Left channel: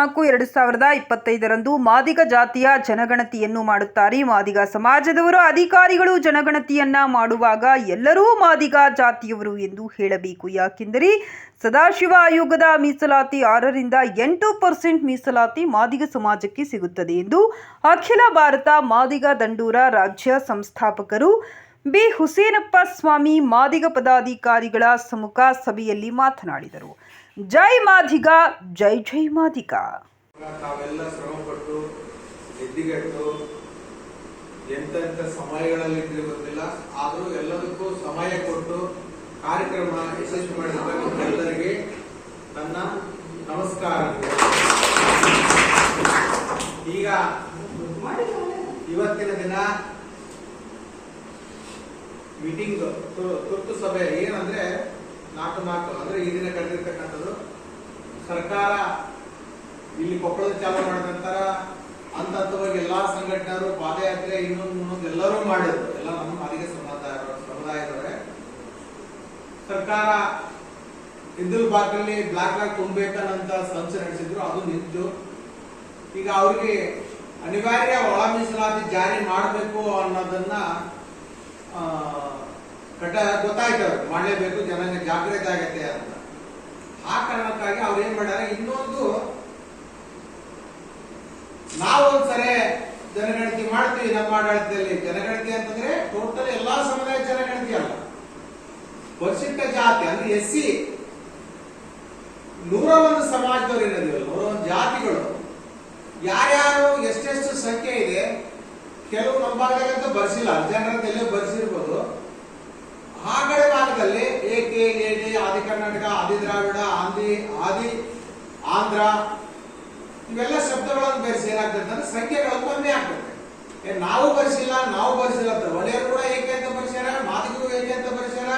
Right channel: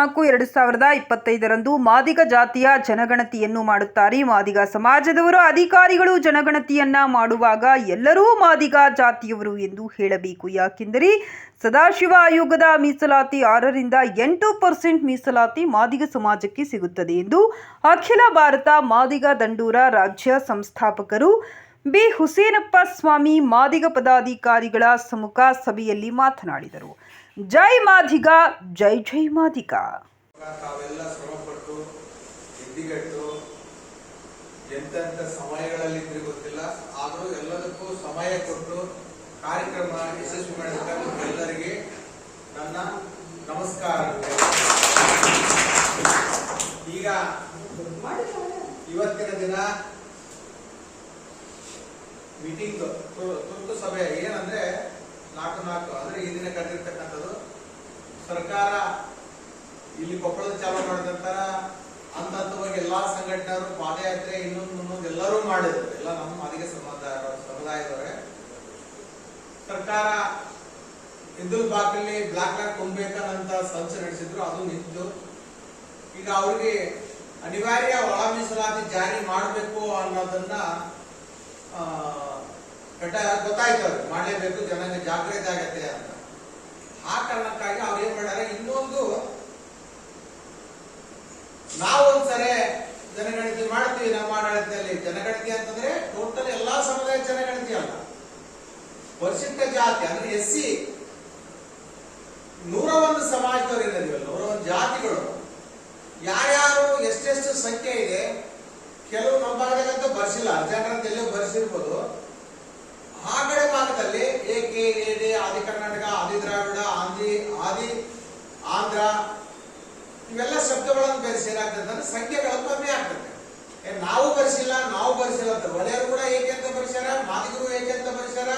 4/2025 ಮಾದಿಗ ಜಾತಿಯ ಜನಗಣತಿಯನ್ನು ಮಾಡುತ್ತಾರೆ. ಮಾದಿಗ ಸಮಾಜದವರು ಅಧಿಕಾರಿಗಳು ಜನಗಣತಿಯನ್ನ ಮಾಡುವಾಗ ಎಲ್ಲರೂ ಮಾದಿಗ ಜಾತಿಯವರು ಎಂದು ಹೇಳಬೇಕು. ಯಾಕೆಂದರೆ ಸದಾಶಿವ ಆಯೋಗದ ಮೀಸಲಾತಿ 6ರಿಂದ 8% ಮೀಸಲಾತಿ ಮಾದಿಗ ಸಮಾಜಕ್ಕೆ ಸಿಗುತ್ತದೆ ಎಂದು ಅಖಿಲ ಭಾರತ ಮಾದಿಗ ದಂಡೂರ ರಾಜ್ಯ ಸಂಸ್ಥಾಪಕರು ಬಿ ಹುಸೇನಪ್ಪ ಸ್ವಾಮಿ ಮಾದಿಗ ಪದಾಧಿಕಾರಿಗಳ ಸಮ್ಮುಖ ಸಭೆಯಲ್ಲಿ ಮಾತನಾಡಿದರು. ಜೈ ಮಾದಿಗ, ಜೈ ಜೈ ಮಾದಿಗ. ತಾವೆಲ್ಲ ಶ್ರಮಪಟ್ಟು ಎದ್ದಿಗೆಟ್ಟು ಎಂತೆಂಥ ಸಮಯಗಳಲ್ಲಿ ಗೊತ್ತಿಲ್ಲ, ಆದರೂ ಎಲ್ಲದಕ್ಕೂ ಸಮಯ ಕೊಟ್ಟು ಕಾರ್ಯಕ್ರಮ ಯಶಸ್ವಿ ಮಾಡಿದ ಎಲ್ಲರಿಗೆ ನನ್ನ ನಮಸ್ಕಾರ. ಈಗ ಇವತ್ತಿನ ದಿನ ಮೀಟಿಂಗ್ ತುರ್ತು ಸಭೆ ಏನಂದ್ರೆ 4 ಅಂದ್ರೆ ಈ ದಿನ ಕರೆದಿರ್ತಕ್ಕಂಥದ್ದು. ಸರ್ಕಾರ ಇಲ್ಲಿ ಕೊಪ್ಪಳದ ಚಾಲೂ ಮಾಡಿದ ನಂತರ ಹಂತವಾಗಿ ಎಲ್ಲಾ ಸಂಘಟನೆಯವರು ಪಾದಯಾತ್ರೆ ಇನ್ನೊಂದು ಎಲ್ಲರೂ ಮಾಡಿದ್ರು. ಎಲ್ಲ ನಮ್ಮ ಮಾದಿಗ ಸಮುದಾಯದವರೇ. ಸರ್ಕಾರ ಹಿಂದೂ ಬಾಗಿಲಲ್ಲಿ ಬ್ಲಾಕ್ ತುಂಬಬೇಕನ್ನಂತ ಸಂಚು ನಡೆಸಿದ್ರು, ಅದು ನಿಂತು ಈಗ ಅವ್ರಿಗೆ ಅನಿವಾರ್ಯ ಒಳ ಮೀಸಲಾತಿ ಜಾರಿ ಮಾಡಬೇಕು ಅನ್ನೋದನ್ನ ಗೊತ್ತಾಯ್ತು, ಅವ್ರಿಗೆ ಮಾಡಲೇಬೇಕು, ಜನ ಜಾಗೃತಿ ಆಗತ್ತೆ ಅಂತ. ಆ ಕಾರಣಕ್ಕಾಗಿ ಅವ್ರು ಏನ್ ಮಾಡ್ಯಾರ, ಇನ್ನೊಂದು ನಾವೊಂದ್ಸರಿ ಜನಗಣತಿ ಮಾಡ್ತೀವಿ ನಮ್ಮ ಆಡಳಿತದಲ್ಲಿ. ಜನಗಣತಿ ಅಂತಂದ್ರೆ ಟೋಟಲ್ ಎಲ್ಲಾ ಸಮುದಾಯ ಜನಗಣತಿ ಅಲ್ಲ, ಪರಿಶಿಷ್ಟ ಜಾತಿ ಅಂದ್ರೆ SC 101 ಸಮಾಜದವ್ರು ಏನಿದೆಯಲ್ಲ, 101 ಜಾತಿಗಳು ಯಾರ್ಯಾರು ಎಷ್ಟೆಷ್ಟು ಸಂಖ್ಯೆ ಇದೆ. ಕೆಲವು ನಮ್ಮ ಭಾಗದಾಗಂತೂ ಬರ್ಸಿಲ್ಲ, ಜನರದ್ದು ಎಲ್ಲೂ ಬರ್ಸಿರ್ಬೋದು. ಆ ಕಡೆ ಭಾಗದಲ್ಲಿ AK, AD, ಆದಿ ಕರ್ನಾಟಕ, ಆದಿ ದ್ರಾವಿಡ, ಆದಿ ಆಂಧ್ರ ಇವೆಲ್ಲ ಶಬ್ದಗಳನ್ನು ಬೆರೆಸಿ ಏನಾಗ್ತದೆ ಅಂದ್ರೆ ಸಂಖ್ಯೆಗಳು ಕಮ್ಮಿ ಆಗ್ತದೆ. ನಾವು ಬರ್ಸಿಲ್ಲ ಅಂತ ಒಡೆಯರು ಕೂಡ ಏಕೆ ಅಂತ ಬರ್ಸ್ಯಾರ, ಮಾದಿಗರು ಏಕೆ ಅಂತ ಬರ್ಸ್ಯಾರ,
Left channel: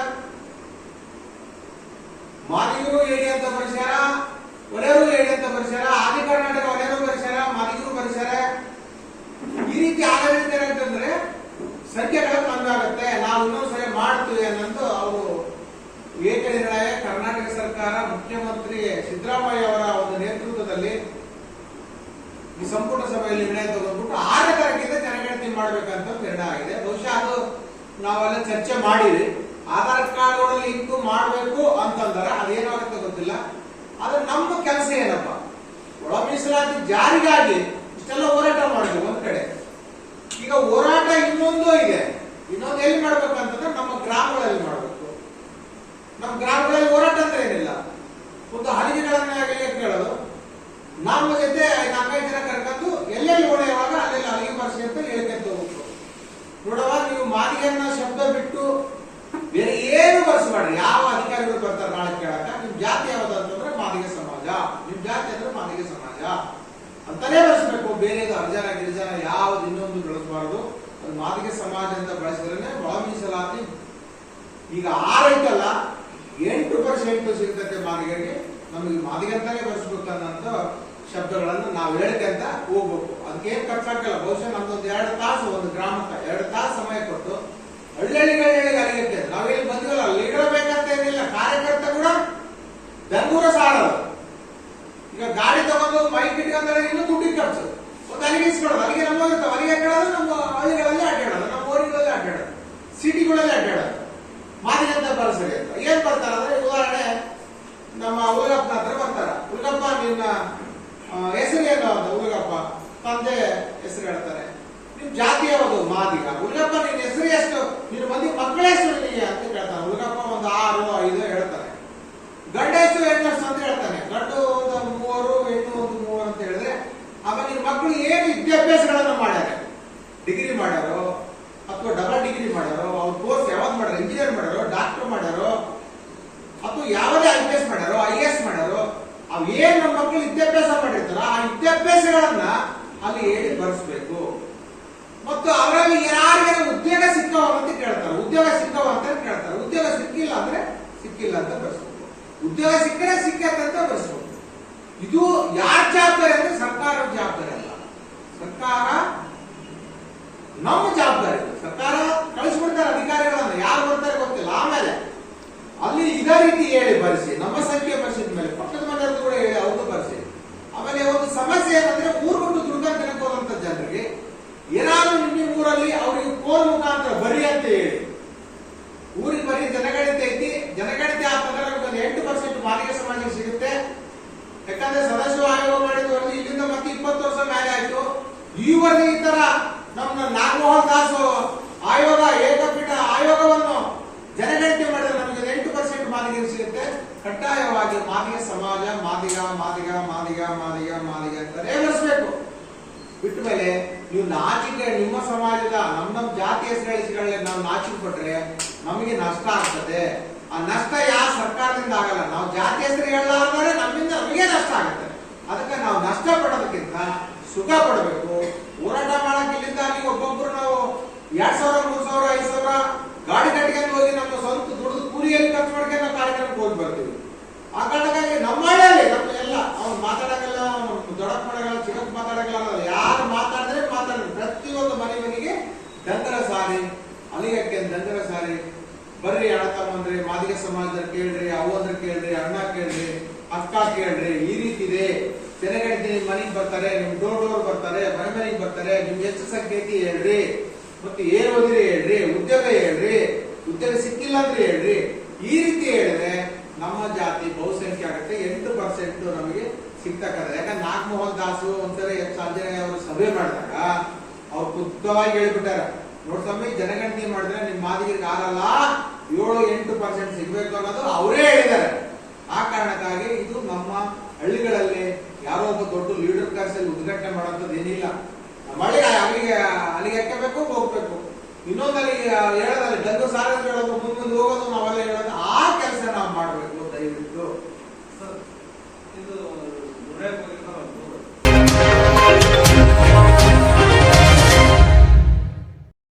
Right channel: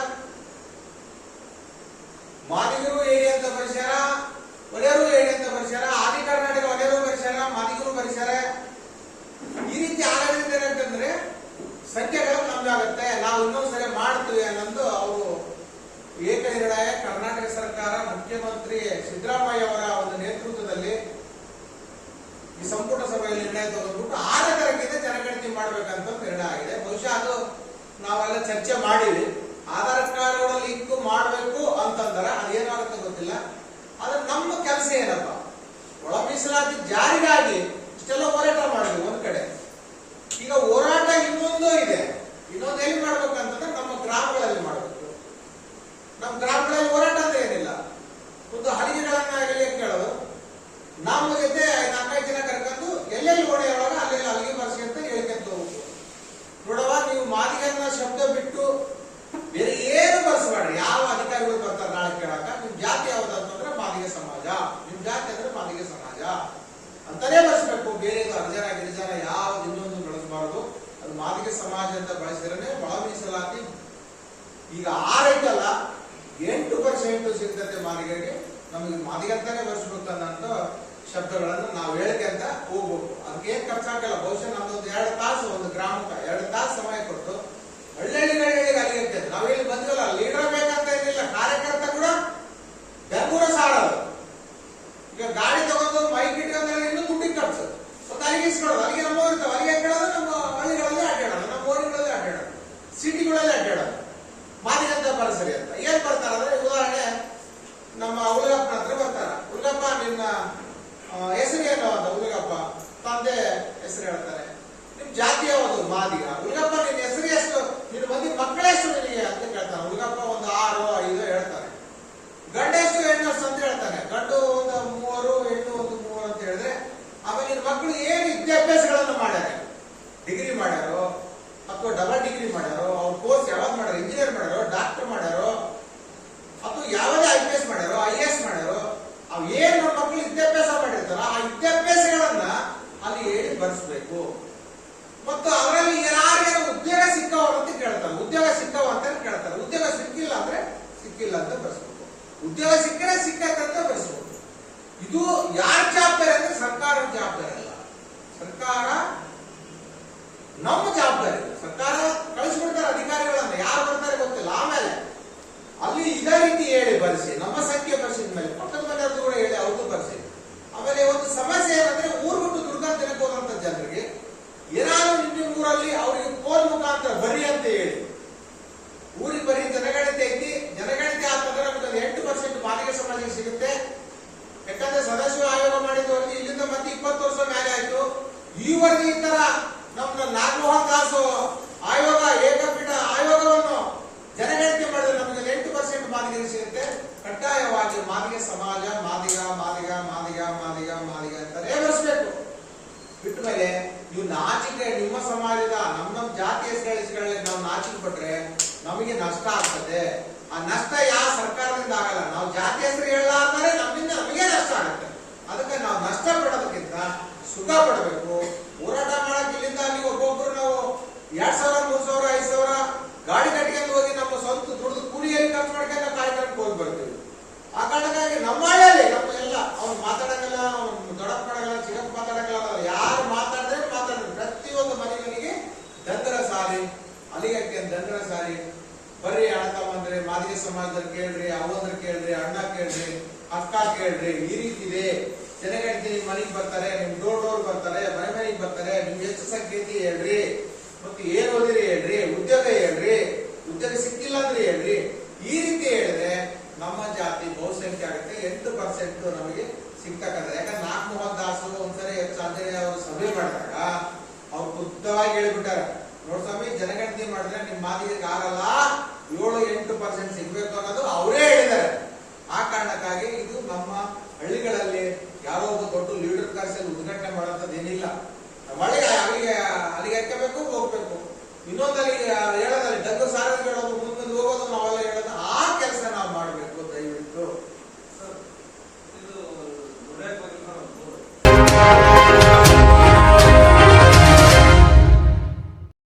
ಮಾದಿಗರು ಏಡಿ ಅಂತ ಬರ್ಸ್ಯಾರ, ಒಡೆಯರು ಏಡಿ ಅಂತ ಬರ್ಸ್ಯಾರ, ಆದಿ ಕರ್ನಾಟಕ ಒಡೆಯರು ಬರ್ಸ್ಯಾರ, ಮಾದಿಗರು ಬರ್ಸ್ಯಾರ. ಈ ರೀತಿ ಆಗಲಿಕ್ಕೆ ಏನಾಗ್ತಂದ್ರೆ ಸಂಖ್ಯೆಗಳು ಕಮ್ಮಿ ಆಗುತ್ತೆ. ನಾವು ಇನ್ನೊಂದ್ಸರಿ ಮಾಡ್ತೀವಿ ಅನ್ನೋದು ಅವರು ಏಕನಿರ್ಣಯ ಕರ್ನಾಟಕ ಸರ್ಕಾರ ಮುಖ್ಯಮಂತ್ರಿ ಸಿದ್ದರಾಮಯ್ಯ ಅವರ ಒಂದು ನೇತೃತ್ವದಲ್ಲಿ ಈ ಸಂಪುಟ ಸಭೆಯಲ್ಲಿ ನಿರ್ಣಯ ತಗೊಂಡ್ಬಿಟ್ಟು 6 ತಾರೀಕಿಂದ ಜನಗಣತಿ ಮಾಡ್ಬೇಕಂತ ನಿರ್ಣಯ ಆಗಿದೆ. ಬಹುಶಃ ಅದು ನಾವೆಲ್ಲ ಚರ್ಚೆ ಮಾಡಿವಿ. ಆಧಾರ್ ಕಾರ್ಡ್ಗಳಲ್ಲಿ ಇಂಕು ಮಾಡಬೇಕು ಅಂತಂದ್ರೆ ಅದೇನಾಗುತ್ತೆ ಗೊತ್ತಿಲ್ಲ. ಆದ್ರೆ ನಮ್ಮ ಕೆಲಸ ಏನಪ್ಪ, ಒಳ ಮೀಸಲಾತಿ ಜಾರಿಗಾಗಿ ಇಷ್ಟೆಲ್ಲ ಹೋರಾಟ ಮಾಡಿದ್ವಿ ಒಂದ್ ಕಡೆ. ಈಗ ಹೋರಾಟ ಇನ್ನೊಂದು ಇದೆ, ಇನ್ನೊಂದು ಎಲ್ಲಿ ಮಾಡ್ಬೇಕು ಅಂತಂದ್ರೆ ನಮ್ಮ ಗ್ರಾಮಗಳಲ್ಲಿ ಮಾಡ್ಬೇಕು. ನಮ್ಮ ಗ್ರಾಮಗಳಲ್ಲಿ ಹೋರಾಟ ಅಂತ ಏನಿಲ್ಲ, ಒಂದು ಹಲಿಗೆಗಳನ್ನಾಗಲಿ ಕೇಳೋದು, ನಮ್ಮ ಜೊತೆ 4-5 ಜನ ಕರ್ಕೊಂಡು ಎಲ್ಲೆಲ್ಲಿ ಓಡೆಯುವಾಗ ಅಲ್ಲೆಲ್ಲ ಹಲಿಗೆ ಬರ್ಸಿ ಅಂತ ಹೇಳ್ಕೊಂತ ಹೋಗ್ಬೇಕು. ನೋಡವಾಗ ನೀವು ಮಾದಿಗನ್ನ ಶಬ್ದ ಬಿಟ್ಟು ಬೇರೆ ಏನು ಬರ್ಸಬೇಡ್ರಿ. ಯಾವ ಅಧಿಕಾರಿಗಳು ಬರ್ತಾರೆ ನಾಳೆ ಕೇಳಾಕ, ನಿಮ್ ಜಾತಿ ಯಾವ್ದು ಅಂತಂದ್ರೆ ಮಾದಿಗ ಸಮಾಜ, ನಿಮ್ ಜಾತಿ ಅಂದ್ರೆ ಮಾದಿಗ ಸಮಾಜ ಅಂತಾನೆ ಬಳಸಬೇಕು. ಬೇರೆ ಹರಿಜನ ಗಿರಿಜನ ಯಾವ್ದು ಇನ್ನೊಂದು ಬಳಸಬಾರದು. ಅದು ಮಾದಿಗ ಸಮಾಜ ಅಂತ ಬಳಸಿದ್ರೆ ಒಳ ಮೀಸಲಾತಿ ಈಗ 6 ಐತಲ್ಲ 8% ಸಿಗ್ತತೆ ಮಾದಿಗರಿಗೆ. ನಮಗೆ ಮಾದಿಗಂತಾನೆ ಬಳಸ್ಬೇಕನ್ನಂತ ಶಬ್ದಗಳನ್ನ ನಾವು ಹೇಳ್ಕೊಂತ ಹೋಗ್ಬೇಕು. ಅದಕ್ಕೆ ಏನ್ ಖರ್ಚಾಗಲ್ಲ. ಬಹುಶಃ ನಮ್ದೊಂದು 2 ತಾಸು ಒಂದು ಗ್ರಾಮಕ್ಕೆ 2 ತಾಸು ಸಮಯ ಕೊಟ್ಟು ಹಳ್ಳಿಗಳಿಗೆ ಅಲಿಗತ್ತೆ. ನಾವೇನು ಬಂದಿಲ್ಲ, ಲೀಡರ್ ಬೇಕಂತ ಏನಿಲ್ಲ, ಕಾರ್ಯಕರ್ತ ಕೂಡ ಬೆಂಗಳೂರು ಸಾಡೋದು. ಈಗ ಗಾಡಿ ತಗೊಂಡು ಬೈಕ್ ಇಟ್ಕೊಂಡ್ರೆ ಇನ್ನೂ ದುಡ್ಡಿಗೆ ಖರ್ಚು. ಒಂದು ಅಲ್ಲಿಗೆ ಇಸ್ಕೊಡೋದು, ಅಲ್ಲಿಗೆ ನಮ್ಮ ಇರ್ತಾವೆ, ಅಲ್ಲಿಗೆ ಅಡ್ಡಾಡೋದು, ನಮ್ಮ ಹಳ್ಳಿಗಳಲ್ಲಿ ಅಡ್ಡಾಡೋದು, ನಮ್ಮ ಊರುಗಳಲ್ಲಿ ಅಡ್ಡಾಡೋದು, ಸಿಟಿಗಳಲ್ಲಿ ಅಡ್ಡಾಡೋದು. ಮಾದಿಗಂತ ಪರಿಸರಿ ಅಂತ ಏನ್ ಬರ್ತಾರ ಅಂದ್ರೆ, ಉದಾಹರಣೆ ನಮ್ಮ ಹುಡುಗಪ್ಪನ ಹತ್ರ ಬರ್ತಾರ. ಹುಡುಗಪ್ಪ ನಿನ್ನ ಹೆಸರು ಏನು ಅಂತ ಹುಡುಗಪ್ಪ ತಂದೆ ಹೆಸರು ಹೇಳ್ತಾರೆ. ನಿಮ್ ಜಾತಿ ಯಾವುದು? ಮಾದಿಗ. ಹುಡುಗಪ್ಪ ನಿನ್ನ ಹೆಸರು ಎಷ್ಟು, ನಿನ್ನ ಮಂದಿ ಮಕ್ಕಳ ಹೆಸರು ನಿನಗೆ ಅಂತ ಕೇಳ್ತಾನೆ. ಹುಡುಗಪ್ಪ ಒಂದು 6, 5 ಹೇಳ್ತಾರೆ. ಗಂಡ ಎಷ್ಟು ಹೆಣ್ಣು ಎಷ್ಟು ಅಂತ ಹೇಳ್ತಾನೆ. ಗಂಡು ಒಂದು 3, ಹೆಣ್ಣು ಒಂದು 3 ಅಂತ ಹೇಳಿದ್ರೆ, ಆಮೇಲೆ ನಿನ್ನ ಮಕ್ಕಳು ಏನು ವಿದ್ಯಾಭ್ಯಾಸಗಳನ್ನ ಮಾಡ್ಯಾರ, ಡಿಗ್ರಿ ಮಾಡ್ಯಾರೋ ಅಥವಾ ಡಬಲ್ ಡಿಗ್ರಿ ಮಾಡ್ಯಾರೋ, ಅವ್ರ ಕೋರ್ಸ್ ಯಾವ್ದು ಮಾಡ್ಯಾರ, ಇಂಜಿನಿಯರ್ ಮಾಡ್ಯಾರೋ, ಡಾಕ್ಟರ್ ಮಾಡ್ಯಾರೋ, ಅಥವಾ ಯಾವುದೇ IPS ಮಾಡ್ಯಾರೋ, IAS ಮಾಡ್ಯಾರೋ, ಅವ್ ಏನ್ ನಮ್ಮ ಮಕ್ಕಳು ವಿದ್ಯಾಭ್ಯಾಸ ಮಾಡಿರ್ತಾರ ಆ ವಿದ್ಯಾಭ್ಯಾಸಗಳನ್ನ ಅಲ್ಲಿ ಹೇಳಿ ಬರ್ಸ್ಬೇಕು. ಮತ್ತು ಅವರಲ್ಲಿ ಯಾರಿಗೆ ಉದ್ಯೋಗ ಸಿಕ್ಕವ ಅಂತ ಕೇಳ್ತಾರೆ. ಉದ್ಯೋಗ ಸಿಕ್ಕವ ಅಂತ ಕೇಳ್ತಾರೆ. ಉದ್ಯೋಗ ಸಿಕ್ಕಿಲ್ಲ ಅಂದ್ರೆ ಸಿಕ್ಕಿಲ್ಲ ಅಂತ ಬರ್ಸ್ಬೇಕು. ಉದ್ಯೋಗ ಸಿಕ್ಕರೆ ಸಿಕ್ಕಂತ ಬರ್ಸ್ಬೇಕು. ಇದು ಯಾರ ಜವಾಬ್ದಾರಿ ಅಂದ್ರೆ ಸರ್ಕಾರದ ಜವಾಬ್ದಾರಿ ಅಲ್ಲ. ಸರ್ಕಾರ ನಮ್ಮ ಜವಾಬ್ದಾರಿ. ಸರ್ಕಾರ ಕಳಿಸ್ಬಿಡ್ತಾರೆ ಅಧಿಕಾರಿಗಳನ್ನ, ಯಾರು ಬರ್ತಾರೆ ಗೊತ್ತಿಲ್ಲ. ಆಮೇಲೆ ಅಲ್ಲಿ ಇದೇ ರೀತಿ ಹೇಳಿ ಬರ್ಸಿ, ನಮ್ಮ ಸಂಖ್ಯೆ ಬರ್ಸಿದ ಮೇಲೆ ಪಕ್ಕದ ಮನೆಯವ್ರದ್ದು ಕೂಡ ಹೇಳಿ ಅವ್ರದ್ದು ಬರ್ಸಿ. ಆಮೇಲೆ ಒಂದು ಸಮಸ್ಯೆ ಏನಂದ್ರೆ ಊರು ಬಿಟ್ಟು ದುಡ್ಕೊಂಡು ತಿನ್ನಕ್ ಹೋದಂತ ಜನರಿಗೆ ಏನಾದ್ರು ನಿಮ್ಮ ಊರಲ್ಲಿ ಅವ್ರಿಗೆ ಫೋನ್ ಮುಖಾಂತರ ಬರಿ ಅಂತ ಹೇಳಿ, ಊರಿಗೆ ಬರೀ ಜನಗಣತಿ ಐತಿ, ಜನಗಣತಿ ಆತಂದ್ರೆ ನಮ್ಗೊಂದು 8% ಮಾದಿಗ ಸಮಾಜಕ್ಕೆ ಸಿಗುತ್ತೆ. ಯಾಕಂದ್ರೆ ಸದಸ್ಯ ಆಯೋಗ ಮಾಡಿದ ವರದಿ ಇಲ್ಲಿಂದ ಮತ್ತೆ 20 ವರ್ಷ ಮೇಲೆ ಆಯ್ತು. ಈ ವರದಿ ಈ ತರ ನಮ್ಮ ನಾಗಮೋಹನ್ ದಾಸ್ ಆಯೋಗ ಏಕಪೀಠ ಆಯೋಗವನ್ನು ಜನಗಣತಿ ಮಾಡಿದ್ರೆ ನಮ್ಗೆ 8% ಮಾದಿಗೆ ಸಿಗುತ್ತೆ. ಕಡ್ಡಾಯವಾಗಿ ಮಾದಿಗ ಸಮಾಜ ಮಾದಿಗ ಮಾದಿಗ ಮಾದಿಗ ಮಾದಿಗ ಮಾದಿಗ ಅಂತಾನೆ ಬರೆಸಬೇಕು. ಬಿಟ್ಟ ಮೇಲೆ ನೀವು ನಾಚಿಕೆ ನಿಮ್ಮ ಸಮಾಜದ ನಮ್ಮ ಜಾತಿ ಹೆಸರುಗಳಿಗೆ ನಾವು ನಾಚಿಕೆ ಕೊಟ್ರೆ ನಮಗೆ ನಷ್ಟ ಆಗ್ತದೆ. ಆ ನಷ್ಟ ಯಾವ ಸರ್ಕಾರದಿಂದ ಆಗಲ್ಲ. ನಾವು ಜಾತಿ ಹೆಸರು ಹೇಳಲಾರ್ದರೆ ನಮ್ಮಿಂದ ನಮಗೆ ನಷ್ಟ ಆಗುತ್ತೆ. ಅದಕ್ಕೆ ನಾವು ನಷ್ಟ ಪಡೋದಕ್ಕಿಂತ ಸುಖ ಪಡಬೇಕು. ಹೋರಾಟ ಮಾಡಕ್ ಇಲ್ಲಿಂದ ಅಲ್ಲಿ ಒಬ್ಬೊಬ್ರು ನಾವು 2000 3000 5000 ಗಾಡಿ ಕಟ್ಟಿಗೆ ಹೋಗಿ ನಮ್ಮ ಸ್ವಂತ ದುಡ್ದು ಕೂಲಿಯಲ್ಲಿ ಖರ್ಚು ಮಾಡ್ಕೊಂಡು ನಾವು ಕಾರ್ಯಕ್ರಮಕ್ಕೆ ಹೋಗಿ ಬರ್ತೀವಿ. ಆ ಕಾರಣಕ್ಕಾಗಿ ನಮ್ಮ ಹಳ್ಳಿಯಲ್ಲಿ ನಮ್ಗೆಲ್ಲ ಅವ್ರು ಮಾತಾಡೋಲ್ಲ, ದೊಡ್ಡಪ್ಪ ಮಾಡಲ್ಲ, ಚಿಕ್ಕಪ್ಪ ಮಾತಾಡೋಲ್ಲ, ಯಾರು ಮಾತಾಡಿದ್ರೆ ಪ್ರತಿಯೊಂದು ಮನೆಗೆ ದಂಗರ ಸಾರಿ ಅಲಿಗಕ್ಕೆ ದಂಗರ ಸಾರಿ ಬರ್ರಿ ಅಣ್ಣ ತಮ್ಮಂದ್ರಿ ಮಾದಿಗ ಸಮಾಜದಲ್ಲಿ ಕೇಳ್ರಿ, ಅವ್ವಂದ್ರೆ ಕೇಳ್ರಿ, ಅಣ್ಣ ಕೇಳ್ರಿ, ಅಕ್ಕ ಕೇಳ್ರಿ, ಈ ರೀತಿ ಇದೆ. ಜನಗಣತಿ ನಿಮ್ ಮನೆಗೆ ಬರ್ತಾರೆ, ನಿಮ್ ಡೋರ್ ಬರ್ತಾರೆ, ಮನೆಗೆ ಬರ್ತಾರೆ, ನಿಮ್ ಎಷ್ಟು ಸಂಖ್ಯೆ ಐತಿ ಹೇಳ್ರಿ, ಮತ್ತೆ ಏನ್ ಓದಿರಿ ಹೇಳ್ರಿ, ಉದ್ಯೋಗ ಹೇಳ್ರಿ, ಉದ್ಯೋಗ ಸಿಕ್ಕಿಲ್ಲ ಅಂದ್ರೆ ಹೇಳ್ರಿ. ಈ ರೀತಿ ಹೇಳಿದ್ರೆ ನಮ್ಮ ಜಾತಿ ಬಹುಸಂಖ್ಯೆ ಆಗುತ್ತೆ. 8% ನಮಗೆ ಸಿಗ್ತಕ್ಕಂಥ. ಯಾಕಂದ್ರೆ ನಾಗಮೋಹನ್ ದಾಸು ಒಂದ್ಸರಿ ಸಾರ್ವಜನಿಕ ಅವರು ಸಭೆ ಮಾಡಿದಾಗ ಅವ್ರು ಖುದ್ದವಾಗಿ ಹೇಳ್ಬಿಟ್ಟಾರೆ, ನೋಡ್ಸಮ್ಮಿ ಜನಗಣತಿ ಮಾಡಿದ್ರೆ ನಿಮ್ ಮಾದಿಗೆ ಆಗಲ್ಲ, 7-8% ಸಿಗ್ಬೇಕು ಅನ್ನೋದು ಅವರೇ ಹೇಳಿದ್ದಾರೆ. ಆ ಕಾರಣಕ್ಕಾಗಿ ಇದು ನಮ್ಮ ಹಳ್ಳಿಗಳಲ್ಲಿ ಯಾರೋ ಒಬ್ಬ ದೊಡ್ಡ ಲೀಡರ್ ಕರೆಸಿ ಉದ್ಘಾಟನೆ ಮಾಡುವಂತದ್ದು ಏನಿಲ್ಲ. ನಮ್ಮ ಹಳ್ಳಿಗೆ ಅಲ್ಲಿಗೆ ಹಾಕಬೇಕು ಹೋಗ್ಬೇಕು. ಇನ್ನೊಂದು ಅಲ್ಲಿಗೆ